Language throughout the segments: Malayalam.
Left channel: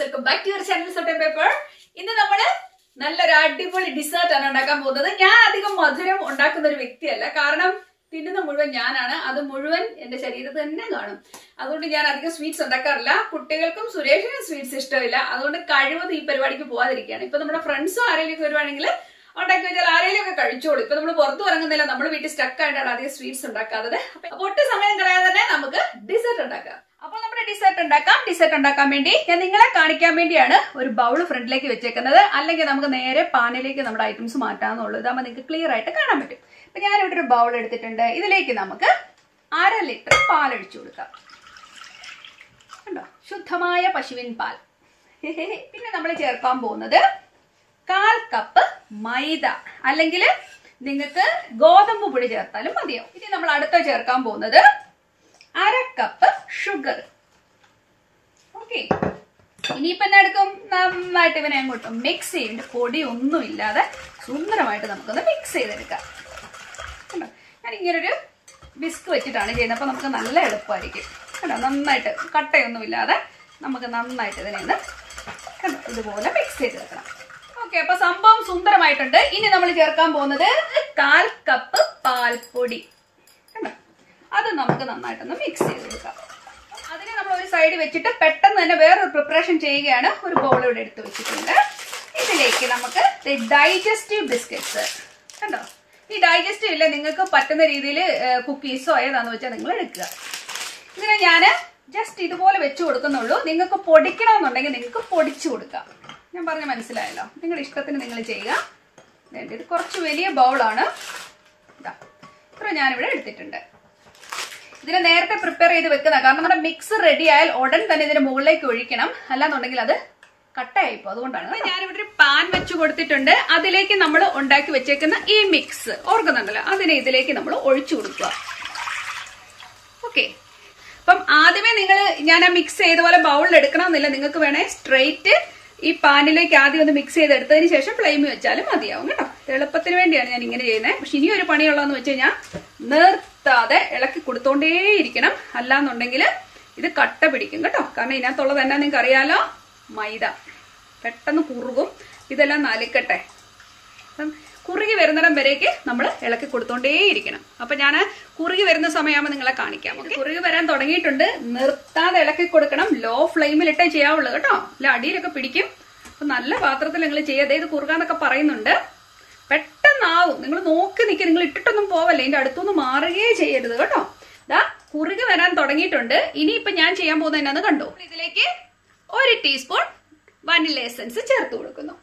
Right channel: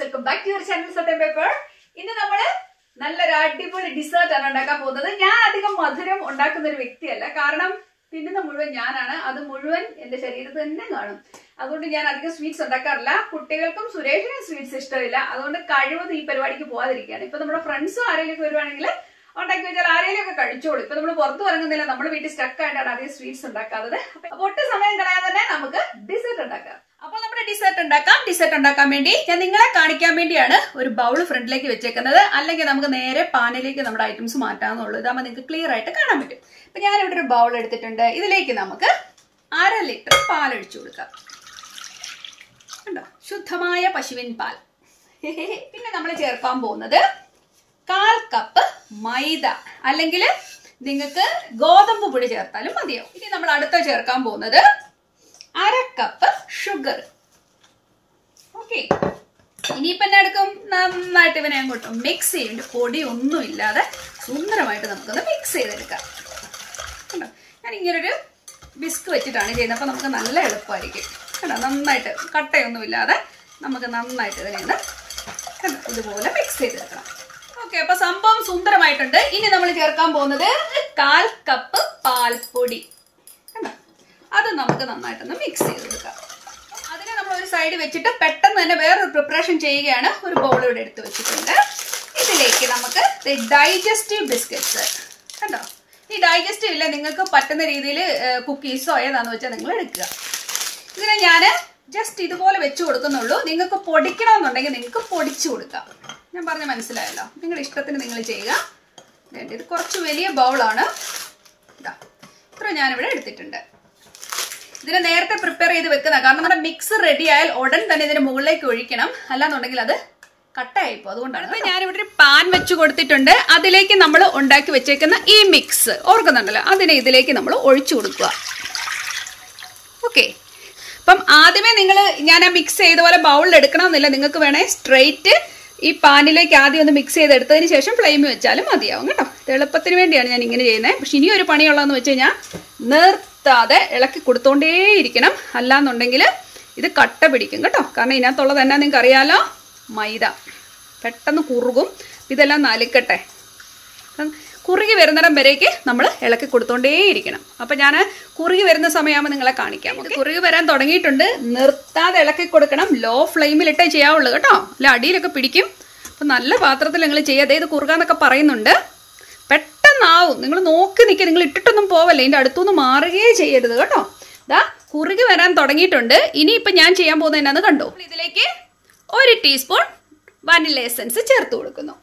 Welcome back to your channel salt and pepper. ഇന്ന് നമ്മള് നല്ലൊരു അടിപൊളി ഡിസേർട്ട് ആണ് ഉണ്ടാക്കാൻ പോകുന്നത്. ഞാൻ അധികം മധുരം ഉണ്ടാക്കുന്ന ഒരു വ്യക്തിയല്ല, കാരണം തിന്നുന്ന മുഴുവൻ ഞാനാണ്. അത് മുഴുവൻ എന്റെ ശരീരത്തിൽ തന്നെ കാണും. അതുകൊണ്ട് ഞാൻ അധികം സ്വീറ്റ്സ് ഉണ്ടാക്കാറില്ല. കുട്ടികൾക്കും സുരേഷിനും സ്വീറ്റ്സ് ഇഷ്ടമില്ല. അതുകൊണ്ട് കഴിവതും ഈ പരിപാടിക്ക് പോകാതിരിക്കുകയാണ്. ഇപ്പൊ നമ്മുടെ ഫ്രണ്ട്സും ആരെങ്കിലും വരുവാണെങ്കിൽ ഉണ്ടാക്കി വെച്ചാൽ ആരെങ്കിലും ഒക്കെ കഴിച്ചോളൂ. ഇപ്പൊ നമ്മൾ പുറത്തു ഇറങ്ങുന്നില്ല, നമ്മൾ വീട്ടിൽ സ്റ്റക്ക് ആയിട്ടാണ് അധികം സ്വീറ്റ്സ് ഉണ്ടാക്കാത്തത്. അപ്പൊ ഒട്ടും സമയം കളയാതെ തന്നെ നമുക്ക് ഡിസേർട്ട് ഉണ്ടാക്കാം. അപ്പോൾ നമ്മുടെ ഡിസേർട്ട് ഉണ്ടാക്കാൻ വേണ്ടി ഞാൻ നിങ്ങളെ കാണിക്കാൻ വേണ്ടിയാണ് ഒരു ബൗൾ ഫ്രണ്ടിലേക്ക് വെച്ചേക്കുന്നത്. അല്ലെങ്കിൽ നമുക്ക് നേരെ പാനിലേക്ക് നമ്മുടെ ഐറ്റംസ് മാറ്റാമെന്നുള്ളൂ. ഇതാകുമ്പോൾ നിങ്ങൾക്ക് ക്ലിയർ ആയിട്ട് കാണാൻ പറ്റും. അപ്പൊ ഞാനിവിടെ ഒരു ബൗൾ എടുത്തിട്ടുണ്ട്. ഇതിലേക്ക് നമുക്ക് 1/2 ലിറ്റർ പാൽ ഒഴിച്ചു കൊടുക്കാം. കണ്ടോ, ശുദ്ധമായ പശുവിൻ പാൽ. പിന്നെ നമ്മൾ ചേർക്കാൻ പോകുന്നത് 1/4 കപ്പ് മൈദ, അല്ലെങ്കിൽ നിങ്ങൾക്ക് ഗോതമ്പ് പൊടി ചേർത്താലും മതിയാവും. ഇനി നമ്മൾ അടുത്ത ചേർക്കാൻ പോകുന്നത് 1/2 കപ്പ് ഷുഗർ. ഓക്കെ, ഇനിയിപ്പോ എന്നെ എടുക്കും, നന്നായിട്ട് ഇവനെ അങ്ങോട്ടും മിക്സ് ചെയ്യും. പൊടി ഒന്നും ഇല്ലാതെ സുന്ദരമായിട്ട് നമുക്കൊന്ന് മിക്സ് ചെയ്തെടുക്കാം. കണ്ടോ, ഞാൻ ഇങ്ങനൊരു വിസ്ക് വെച്ചിട്ടാണ് ചെയ്യുന്നത്. അപ്പൊ നമുക്ക് നല്ല എളുപ്പമായിരിക്കും. കണ്ടോ, നന്നായിട്ട് കട്ടയൊന്നും ഇല്ലാതെ നമുക്ക് നന്നായിട്ട് ഇതിനെ ഒന്ന് കണ്ടോ ഇതുപോലെ മിക്സ് ചെയ്തെടുക്കണം. ഓക്കെ, അപ്പൊ സംഭവം സുന്ദരമായിട്ടുണ്ട്. ഇനി നമ്മൾ ചേർക്കാൻ പോകുന്നത് 1/4 കപ്പ് പാൽപ്പൊടി. കണ്ടോ, അത് നമുക്ക് നന്നായിട്ടൊന്ന് മിക്സ് ചെയ്ത് കൊടുക്കാം. അതിനെ നമ്മൾ ഒരു സൈഡ് വെച്ചിട്ട് പെട്ടെന്ന് തന്നെ വേറൊരു പ്രിപ്പറേഷൻ ചെയ്യുകയാണ്. ഒരു ബൗൾ ഇവിടെ എടുത്ത് വെച്ചിട്ടുണ്ട്. ഇതിലേക്ക് നമുക്ക് ഡൈജസ്റ്റീവ് ബിസ്ക്കറ്റ്സ്. കണ്ടോ, ഈ ഡൈജസ്റ്റീവ് ഇല്ല, നിങ്ങൾക്ക് പറ്റുന്ന രീതിയിൽ കുക്കീസോ ഏതാണെന്ന് വെച്ചാൽ നിങ്ങൾ എടുക്കുക. ഇതിനെ ഞാൻ ജസ്റ്റ് ഇതുപോലെ വെച്ച് കൊടുക്കുന്നുള്ളൂ. നിങ്ങൾക്ക് പൊടിക്കണമെന്നുണ്ടെങ്കിൽ നിങ്ങൾക്ക് പൊടിച്ചു കൊടുക്കാം. ഞാൻ പറഞ്ഞ മനസ്സിലായല്ലോ. നിങ്ങളുടെ ഇഷ്ടത്തിന് നിങ്ങൾ ചെയ്യുക. ഇത് കുറച്ച് വലിയ ബൗളാണ്. ഇത്ര ഞാനിവിടെ എടുത്തിട്ടുണ്ട്. ഇതിനെ നേരത്തെ പ്രിപ്പയർ ചെയ്ത് വെക്കുന്ന, കാരണം നമ്മുടെ മിക്സ് റെഡി ആയാൽ ഉടൻ തന്നെ ഇതിന് മുകളിലേക്ക് ഒഴിക്കണം. അല്ലാന്നുണ്ടെങ്കിൽ അത് കട്ടയായിപ്പോ. അതുകൊണ്ടാണ്. അപ്പൊ ഞാനിവിടെ ഒരു പാൻ വെച്ച് കൊടുത്തിട്ടുണ്ട്. അതിലേക്ക് നമ്മൾ ഉണ്ടാക്കി വെച്ചേക്കുന്ന ഈ മിക്സ് ഓർക്കുന്നുണ്ടല്ലോ, അതിനെ ഇതിലേക്ക് നമ്മൾ ഒഴിച്ചു കൊടുക്കുക. ഓക്കെ, അപ്പം ആദ്യമേ ഞാൻ ആ മിക്സ് ചെയ്ത പോലെ ബൗളിൽ എടുക്കണമെന്നില്ല. നിങ്ങൾക്ക് വേണേ സ്ട്രെയിറ്റ് ഈ പാനിലേക്ക് ആദ്യം ഒന്ന് മിക്സ് ചെയ്തെടുത്തതിന് ശേഷം ഫ്ലെയിം വെച്ചാലും മതിയാവും കേട്ടോ. എളുപ്പത്തിന് വേണ്ടിയാണ് ഞാൻ ഇങ്ങനെ ചെയ്യുന്നത്. പക്ഷെ ഇനി ഒരു പണിയുള്ളതെന്ന് വെച്ച് കഴിഞ്ഞാൽ നിർത്താതെ ഇളക്കി കൊടുത്തോണ്ടേയിരിക്കണം. അല്ലാന്നുണ്ടെങ്കിൽ ഇത് കട്ട പിടിക്കും കേട്ടോ. കാരണം ഇതിനകത്തുള്ളത് എന്നാ നിങ്ങൾക്ക് അറിയാലോ, മൈദ പെട്ടെന്ന് കുറുകും. ഇതെല്ലാം നലിക്കട്ടെ. കുറുകി വരുന്നിടം വരേക്ക് നമ്മൾ ഇളക്കി കൊടുത്തോണ്ടേയിരിക്കണം. അപ്പൊ ഞാൻ കുറുകി വരുന്ന സമയമാകുമ്പോൾ നിങ്ങളെ കാണിക്കാം. കുറുകി വരാൻ തുടങ്ങിയിട്ടുണ്ട്. നിർത്താതെ ഇളക്കി കൊടുക്കണം. ലോ ഫ്ലെയിമിലിട്ടേ ചെയ്യാവുള്ളൂ കേട്ടോ, അല്ല അടിയിലൊക്കെ പിടിക്കും. അപ്പൊ നല്ല പാത്രത്തിൽ നിങ്ങൾ ചെയ്യാതെ. ഇത് കുറുകാന്നൊക്കെ പറയുന്നുണ്ട്. പെട്ടെന്നാവും. നിങ്ങൾ നോക്കി നിൽക്കുക. നിങ്ങൾ ഇട്ടിട്ടൊന്നും പോവല്ലേ, ഇതിന്റെ അടുത്തൊന്നും മാറുകയേ ചെയ്യരുത് കേട്ടോ. ഇതാ കുറുകി വരാൻ തുടങ്ങിയിട്ടുണ്ട്. ഇനിയിപ്പൊ ഞാൻ ചെയ്യാൻ പോകുന്നത് എന്നാന്ന് കണ്ടോ. ഇതിലേക്ക് 1 ടീസ്പൂൺ വാനില എസൻസ് ചേർത്ത് കൊടുക്കുന്നു.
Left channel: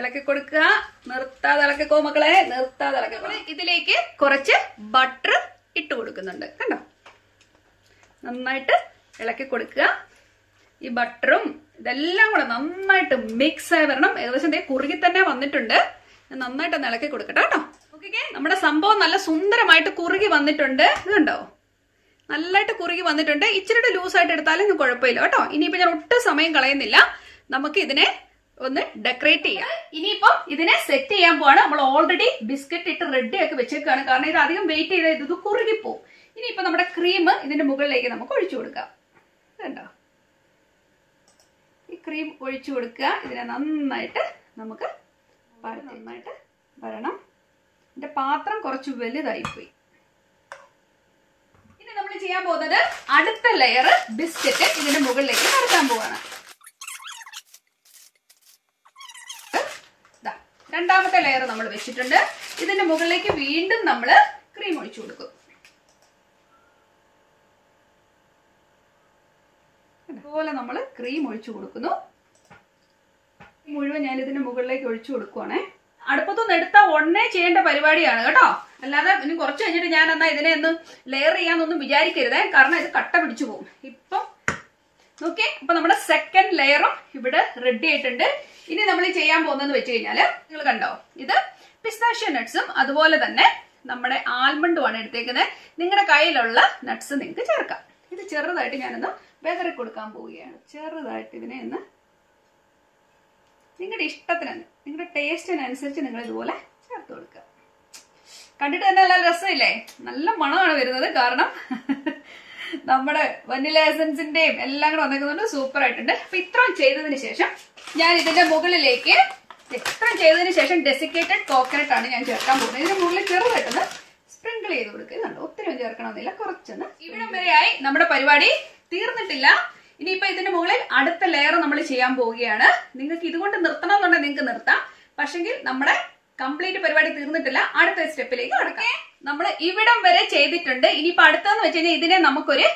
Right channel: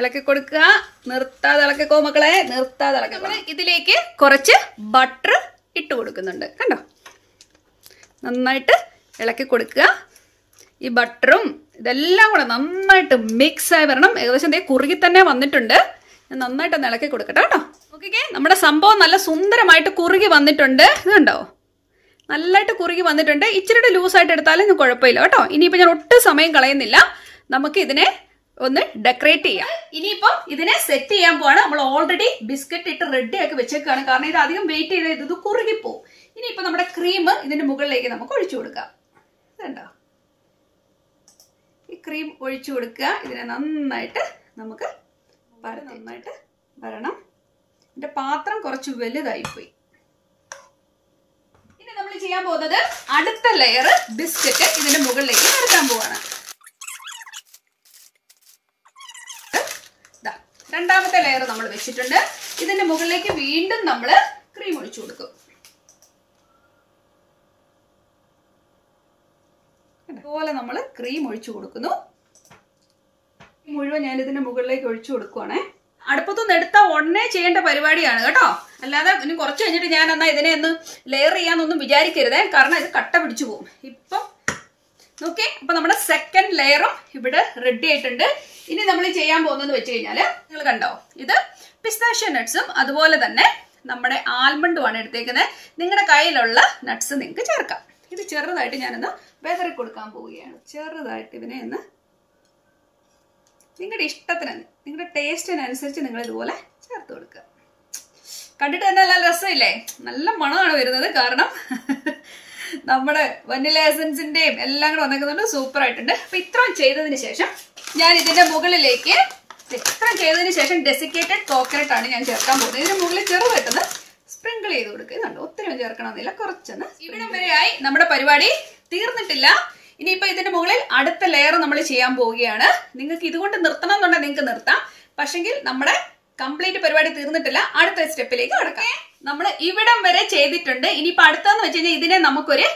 ഇളക്കി കൊടുക്കുക. നിർത്താതെ ഇളക്കിക്കോ മക്കളെ, നിർത്താതെ ഇളക്കി. ഇതിലേക്ക് കുറച്ച് ബട്ടർ ഇട്ട് കൊടുക്കുന്നുണ്ട്. കണ്ടോ, നന്നായിട്ട് ഇളക്കി കൊടുക്കുക. ഈ ബട്ടറും ഇതെല്ലാം കൂടെ നന്നായിട്ട് മിക്സ് ആയി വരണം. ഏകദേശം കുറുകി തന്നെ വന്നിട്ടുണ്ട്. നന്നായിട്ട് ഒന്ന് ഇളക്കി കൊടുക്കട്ടെ കേട്ടോ. ഓക്കെ, നമ്മുടെ സംഭവം നല്ല സുന്ദരമായിട്ട് കുറുകി വന്നിട്ടുണ്ട്. ഇത് കണ്ടോ, നല്ലതായിട്ട് കുറുകി വന്നിട്ടുണ്ട്. ഇച്ചിരി ലൂസായിട്ട് എടുത്താലും കുഴപ്പമില്ല കേട്ടോ. ഇനിയിപ്പോൾ ഞാൻ ഒട്ടും സമയം കളയുന്നില്ല. നമുക്ക് ഇതിനെ ഒന്ന് ഡെക്കറേറ്റ് ചെയ്യാം. ഇനിയിപ്പോ ഇതിനെ സെറ്റ് ചെയ്യാൻ പോവാണ്. നമ്മൾ ഓൾറെഡി ബിസ്ക്കറ്റ് ഇട്ട് റെഡി ആക്കി വെച്ചേക്കാണ്. കാരണം ഇത് അധികം വെയിറ്റ് ചെയ്ത് ഇത് കുറുകിപ്പോവും. ഇനിയിപ്പോ നമ്മുടെ ക്രീം ഇതിന്റെ മുകളിലേക്ക് നമുക്ക് ഒഴിച്ചു കൊടുക്കാം. കണ്ടോ, ഈ ക്രീം ഒഴിച്ചു കൊടുക്കുക. ഇതിനെ നന്നായിട്ട് നമുക്ക് നന്നായിട്ട് വരണം. ഇതിന്റെ പാത്രം കുറച്ച് വലുതായിപ്പോയി. ഇനി നമ്മൾ ചെയ്യാൻ പോകുന്നത് അടുത്ത ലെയർ ബിസ്ക്കറ്റ് ഇതിന്റെ മുകളിലേക്ക് നിരത്താൻ പോവാണ്. രണ്ടാമത്തെ ലെയർ നമ്മൾ വെച്ചിട്ടുണ്ട്. ഇതിന്റെ മുകളിലേക്ക് വീണ്ടും നമ്മൾ ക്രീം ഒഴിച്ചു കൊടുക്കും. അതുപോലെ നമ്മൾ ക്രീം ഒഴിച്ചു കൊടുക്കുന്നു. മുഴുവൻ ഞാൻ ഇതിന്റെ മുകളിലേക്ക് ഒഴിച്ചു കൊടുക്കുവാണേ. അടുപ്പത്തൊന്നും എടുത്താൽ ഉടനെ ചെയ്യേണ്ട പരിപാടിയാണ് കേട്ടോ. അല്ലാതെ ഇനി കുറച്ച് കഴിഞ്ഞിട്ട് ഞാൻ എന്നാ ഇതിനെ ഒന്ന് ലെയർ ചെയ്യാന്നൊന്നും വിചാരിക്കരുതേ. കാരണം ഇത് കട്ട പിടിച്ചു പോകും. ഇപ്പം ഓക്കെ, അപ്പൊ നമ്മുടെ സെക്കൻഡ് ലെയറും ഇവിടെ റെഡി ആയിട്ടുണ്ട്. ഇനി നമ്മൾ ചെയ്യാൻ പോകുന്നതെന്ന് വെച്ച് കഴിഞ്ഞാല്, നിങ്ങൾ കണ്ടോ, ഇത് പിസ്താഷ്യോ നട്ട്സും അതുപോലെ തന്നെ നമ്മുടെ ആൽമണ്ടുമാണ് എടുത്തേക്കുന്നത്. നിങ്ങളുടെ കയ്യിലുള്ള നട്ട്സ് നിങ്ങൾക്ക് ചേർക്കാം. ഇത് ചെറുതായിട്ട് ഞാനൊന്ന് വെതറി കൊടുക്കാൻ പോവുകയാണ്. ചെറുതായിട്ട് ഇതിനെ ഒന്ന് നിങ്ങളുടെ ഇഷ്ടത്തിന്, നിങ്ങളുടെ ടേസ്റ്റിനനുസരിച്ച് നിങ്ങൾ ഇതുപോലെ ചേർത്ത് കൊടുക്കുക. കണ്ടിട്ട് തന്നെ നല്ല രസമില്ലേ? നല്ല മണമാണ് വരുന്നത്. കാരണം നമ്മുടെ വനില എസൻസിന്റെയും എല്ലാം കൂടെ വന്നേക്കുന്നുണ്ട്. സൂപ്പർ ആയിട്ടുണ്ട്. അപ്പൊ ഇത്രയും ചെയ്തതിന് ശേഷം ഞാൻ ഇതിന്റെ മുകളിലേക്ക് ഇത്രയും ചെയ്തതിന് ശേഷം ഡെസിക്കേറ്റഡ് കോക്കനട്ട് ആണ് ഞാൻ ചേർക്കാൻ പോകുന്നത്. ഇതിന് മുകളിൽ ചെറുതായിട്ടൊന്ന് സ്പ്രിങ്കിൾ ചെയ്ത് കൊടുക്കുന്നുണ്ട്. ഒത്തിരി ചേർക്കണമെന്നില്ല, കുറച്ചൊന്ന്. ഇവിടം വരെയായി നമ്മുടെ പരിപാടി തീർന്നിട്ടില്ല. ഇനിയിപ്പോ ഇതിന്റെ മുകളിൽ അടുത്ത ലെയർ നമ്മൾ ചെയ്യാൻ പോവുകയാണ്. നിങ്ങൾക്ക് ഇതുകൊണ്ട് നിർത്തണം എന്നുണ്ടെങ്കിൽ നിങ്ങൾക്ക് നിർത്താം. പക്ഷെങ്കിൽ നമ്മുടെ കംപ്ലീറ്റ് പരിപാടി തീർന്നിട്ടില്ല. അടുത്ത സ്റ്റെപ്പിലേക്ക് കടക്കാം. നമ്മൾ ഇവിടം വരെ ചെയ്തിട്ടുണ്ട്. ഇനിയിപ്പോ അടുത്തെന്ന് വെച്ച് കഴിഞ്ഞാൽ ഇതിനെ നമുക്കൊരു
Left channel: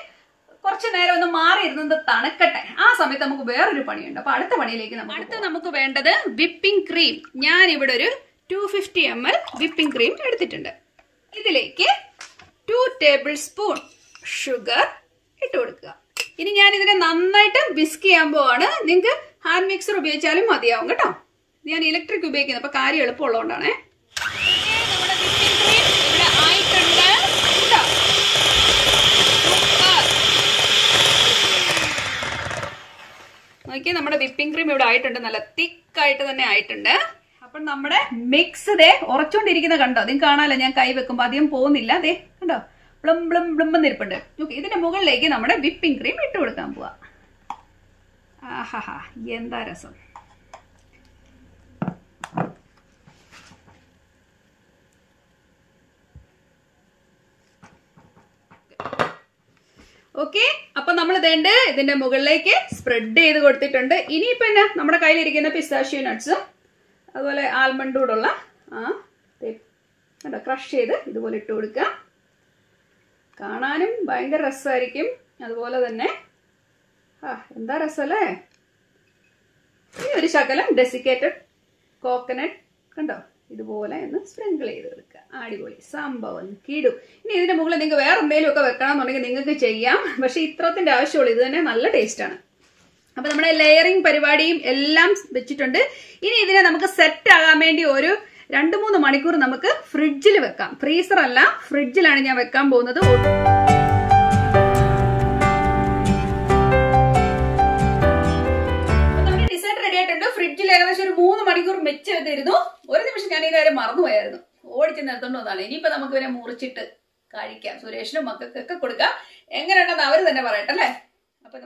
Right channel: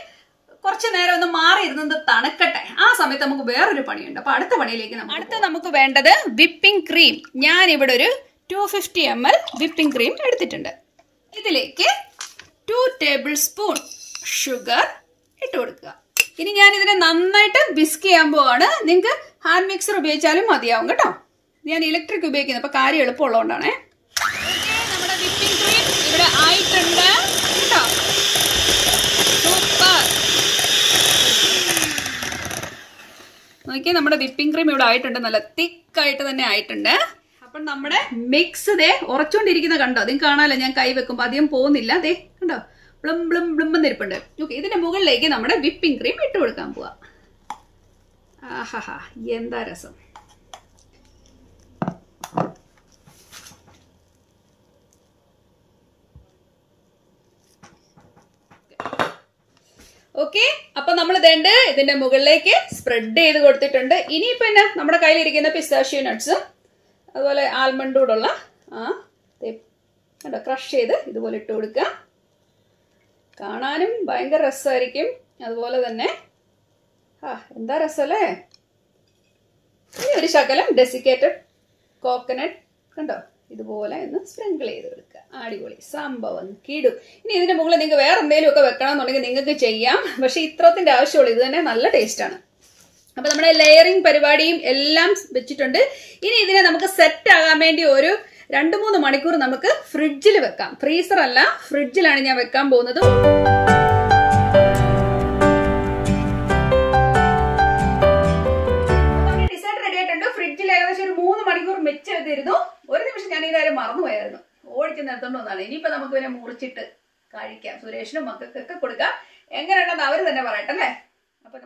കുറച്ചു നേരം ഒന്ന് മാറി ഇരുന്നത് തണുക്കട്ടെ. ആ സമയത്ത് നമുക്ക് വേറൊരു പണിയുണ്ട്. അപ്പൊ അടുത്ത പണിയിലേക്ക് നമുക്ക് വേണ്ടത് വിപ്പിംഗ് ക്രീം. ഞാൻ ഇവിടെ ഒരു 250 ml വിപ്പിംഗ് ക്രീം എടുത്തിട്ടുണ്ട്. ഇതിലേക്ക് 2 ടേബിൾ സ്പൂൺ ഷുഗർ ഇട്ട് കൊടുക്കുക. ഇനി ഞാൻ ഇതിനെ നന്നായിട്ട് വിസ്ക് ചെയ്യാൻ പോവാണ്. നിങ്ങൾക്ക് ഹാൻഡ് മിക്സർ ഉപയോഗിച്ചാലും മതിയാവും കേട്ടോ. ഞാൻ ഇലക്ട്രിക് ഉപയോഗിക്കുന്നത് അപ്പൊ കാര്യം എളുപ്പമുള്ളതുകൊണ്ടാണ്. നമ്മുടെ വിപ്പിംഗ് ക്രീം ഇവിടെ ആയിട്ടുണ്ട് കേട്ടോ. സൂപ്പർ. നോക്കിയാൽ നമ്മുടെ വിപ്പിംഗ് ക്രീം ഇവിടെ ആയിട്ടുണ്ട്. നല്ല തിക്കായിട്ട് തന്നെ ആയിട്ടുണ്ട്. അപ്പൊ നമ്മുടെ മിക്സ് ദേ ഉറച്ചോണ്ടിരിക്കുന്ന കണ്ടോ? നിങ്ങൾക്ക് കാണാമല്ലോ, ഞാൻ കൈ വെക്കുമ്പോ അധികം പോകുന്നില്ല. ദേ കണ്ടോ, ബ്ലം ബ്ലം ബ്ലംന്നിരിപ്പുണ്ട്. ഓക്കെ, ഇതിന്റെ മുകളിലേക്ക് നമ്മുടെ വിപ്പിംഗ് ക്രീം ഇട്ട് കൊടുക്കാൻ പോവാ. ആഹാ, എന്താ രസം. ഓക്കെ, അപ്പൊ നമ്മൾ ഇതേണ്ട ഇതിന്റെ മുകളിലേക്ക് സ്പ്രെഡ് ചെയ്ത് കൊടുത്തിട്ടുണ്ട്. ഇനിയിപ്പോ എന്നാ നമ്മുടെ കയ്യിലിരിക്കുന്ന പിസ്താഷ്യോ നട്ട്സും അതുപോലെ ആൽമണ്ട് കൂടുള്ള ക്രഷ് ചെയ്ത് ഇതുപോലെ ഇട്ട് കൊടുക്കുക. കാണാനും ഭയങ്കര രസമായിരിക്കും. അതുപോലെ തന്നെ എന്താ രസമല്ലേ. ഈ ഒരു ശകലം ഡെസിക്കേറ്റഡ് കോക്കനട്ട് കണ്ടോ, ഇതുപോലെ ഒന്ന് സ്പ്രിങ്കിൾ ചെയ്ത് കൊടുക്കുക. അടിപൊളി സംഭവം കിടും. ഇനി ഇതിന്റെ മുകളിൽ നിങ്ങൾക്ക് വേറെ എന്തെങ്കിലും ഒക്കെ വെക്കണം എന്നുണ്ടെങ്കിൽ നിങ്ങൾക്ക് ചെയ്യാം. പക്ഷെ ഇത്രത്തിന്റെ ആവശ്യമുള്ളൂ. ഇത് തന്നെ നല്ല ടേസ്റ്റ് ആണ്. അപ്പൊ നമ്മുടെ ലെയറിംഗ് പരിപാടിയും എല്ലാം വെച്ചിട്ടുണ്ട്. ഇനി ഇതിനെ നമുക്ക് സെറ്റ് ആകാൻ വേണ്ടി ഒരു 2-3 മണിക്കൂർ നമുക്ക് ഫ്രിഡ്ജിൽ വെക്കാം. ഫ്രീസർ അല്ല, ഫ്രിഡ്ജിലാണ് ഞാൻ വെക്കാൻ പോകുന്നത്. നമ്മുടെ ഡിസേർട്ട് റെഡി ആയിട്ടുണ്ട്. ഫ്രിഡ്ജിൽ ഏകദേശം ഒരു 3 മണിക്കൂർ വെച്ച് വെച്ചിരുന്നു. ഒരു നിമിഷം ഞാൻ ഈ കാര്യം മറന്നുപോയായിരുന്നു. ഓടിച്ച് നിർത്തോണ്ട് വന്നതാണ്. ഇനിയിപ്പോ നമുക്ക് ഇവരെ മുറിച്ചിട്ട് കഴിക്കാം. സുരേഷിനും മക്കൾക്കൊക്കെ കൊടുക്കാം. എങ്ങനെയുണ്ടെന്ന് അവര് തന്നെ പറയട്ടെ അല്ലേ. അപ്പൊ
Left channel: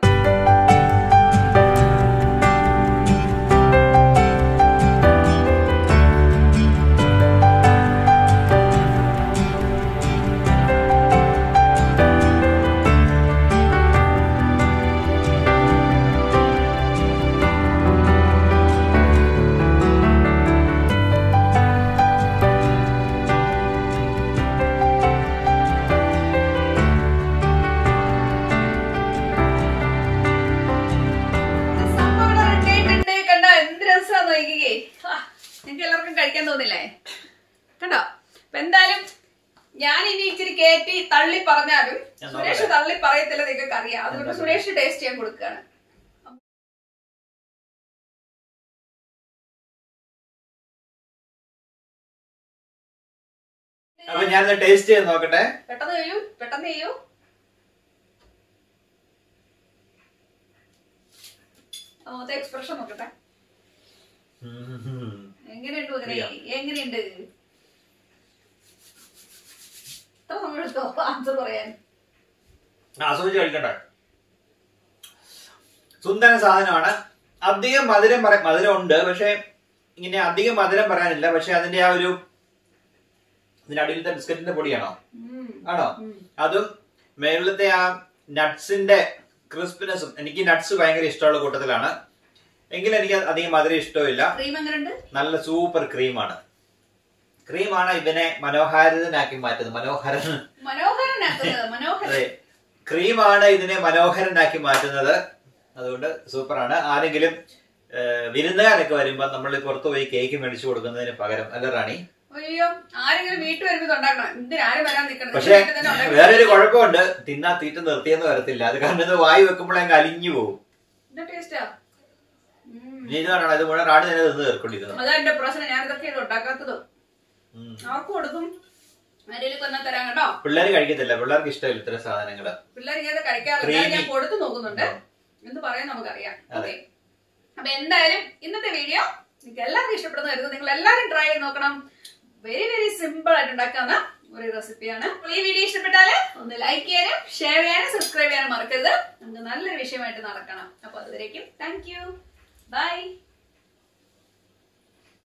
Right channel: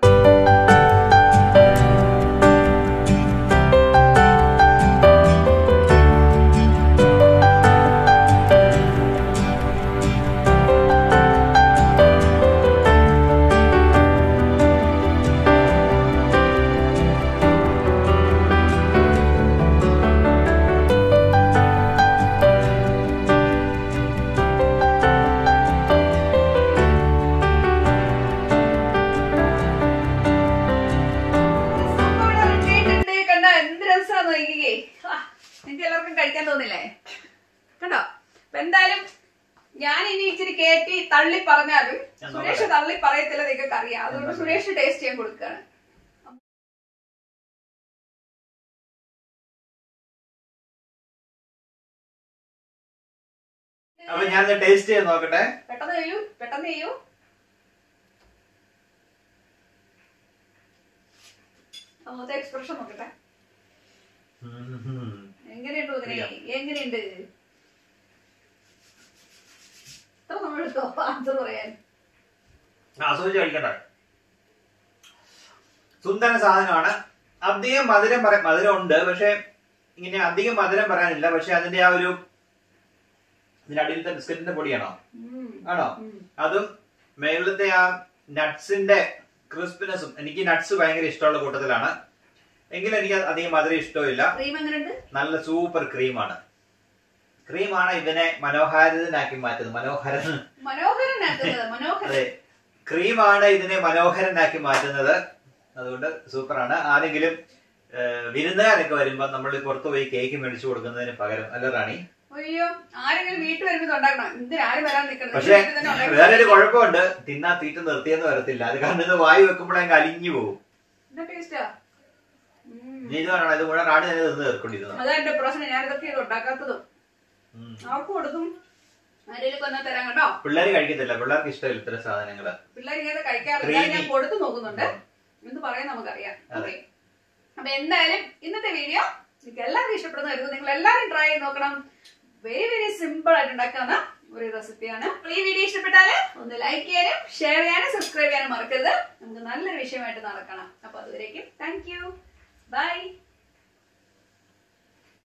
നിങ്ങൾക്ക് എല്ലാവർക്കും കഴിക്കാൻ തോന്നില്ലേ? കണ്ടോ? അപ്പൊ എന്തായാലും ഞാൻ ഇനി ഇച്ചിരി കയറ്റി തള്ളി പറഞ്ഞാലും സുരേഷ് തള്ളി പറയത്തില്ല, നിങ്ങൾക്ക് അറിയാം. അതുകൊണ്ട് സുരേഷ് ടേസ്റ്റ് ചെയ്യാൻ കൊടുക്കുകയാണ്. അപ്പൊ ഞാൻ ടേസ്റ്റ് ചെയ്ത് നോക്കട്ടെ. പെട്ടെന്ന് ചെയ്യൂ, പെട്ടെന്ന് ചെയ്യൂ. അതെ, എക്സ്പ്രഷൻ നോക്കട്ടെ. എങ്ങനെയുണ്ട് എങ്ങനെയുണ്ട്? ഇത്ര സമയം എടുത്തോ ആൻസർ പറയാൻ? ആസ്വദിച്ച് കഴിക്കട്ടെ. സുന്ദര സാധനമാണ്. അധികം മധുരം ഉണ്ട്. പക്ഷെ ഇങ്ങനെ അധികം മധുരം പറയാനില്ല. പക്ഷെ അതിന്റെ ആ ഒരു ഇതിന്റെ അടിയിലത്തെ ബിസ്ക്കറ്റിന്റെ പൊടിയാണോ? ആണോ? അതും മേളിലത്തെ ആ നട്ട്സിന്റെ ക്രിസ്പിനെസ്സും. എനിക്ക് നട്ട്സ് ഭയങ്കര ഇഷ്ടമുള്ള കൂട്ടത്തിലാണ്. എങ്കിലും എനിക്ക് അധികം മധുരം ഇഷ്ടമില്ല. നല്ല സൂപ്പർ ക്രീമാണ്. ക്രീമാണ് ഇതിനെ മനോഹാരിതനാക്കി മാറ്റുന്നത്. അതെ, ക്രീമാണ് ഇതിനെ മനോഹരനാക്കി മാറ്റുന്നത്. അതുകൊണ്ട് സൂപ്പറാണ്. ആരെങ്കിലും വിരുന്നുകാരൊക്കെ വരുമ്പോ നമ്മൾ പുറത്തു പോയി കേക്ക് മേടിച്ചു കൊടുക്കുന്നതിന് പകരം, അല്ല റാണി? പക്ഷെ വേറൊരു കുഴപ്പമുണ്ട്, തിന്നാ തീറ്റ നിർത്തിയെന്ന് വരത്തില്ല. അത് കാരണം ഇത് വായി വെക്കുമ്പോഴേ അലിഞ്ഞു പോകും. ഇതാണ് ഇത് മുഴുവൻ റാണി തന്നെ നിന്ന് തീർക്കൊണ്ടിരുന്നത്. അതാ എന്റെ പ്രശ്നം. ഞാൻ ഇതൊക്കെ ഉണ്ടാക്കാത്തത് അവർക്ക് കൊടുക്കും. പിള്ളേര് കഴിക്കത്തില്ല. പിള്ളേർക്ക് ഇഷ്ടമില്ല ഇത്തരം സാധനങ്ങള്. പിള്ളേർ ഇങ്ങനെ കഴിക്കാറില്ല. ഞാൻ കൊടുത്തു നോക്കുന്നുണ്ട്. എന്ത് പറയാൻ നമുക്കറിയാം. ഓക്കെ, അപ്പൊ എന്തായാലും ഇന്നത്തെ വീഡിയോ നിങ്ങൾക്ക് എല്ലാവർക്കും ഇഷ്ടപ്പെടുന്ന കരുതുന്നു. നിങ്ങൾ എല്ലാവരും ട്രൈ ചെയ്ത് നോക്കണം. വെരി വെരി സിമ്പിൾ ആയിട്ട് ഉണ്ടാക്കാവുന്ന ഒരു റെസിപ്പിയാണ്. ഈ വീഡിയോ ഇഷ്ടപ്പെട്ടാല് ഒന്ന് ലൈക്ക് ചെയ്യാനും ഷെയർ ചെയ്യാനും സബ്സ്ക്രൈബ് ചെയ്യാനും മറക്കരുത്. നമുക്ക് നല്ലൊരു വിഷയമായിട്ട് നടക്കണം. അപ്പൊ അതുവരേക്കും താങ്ക് യു, ബൈ.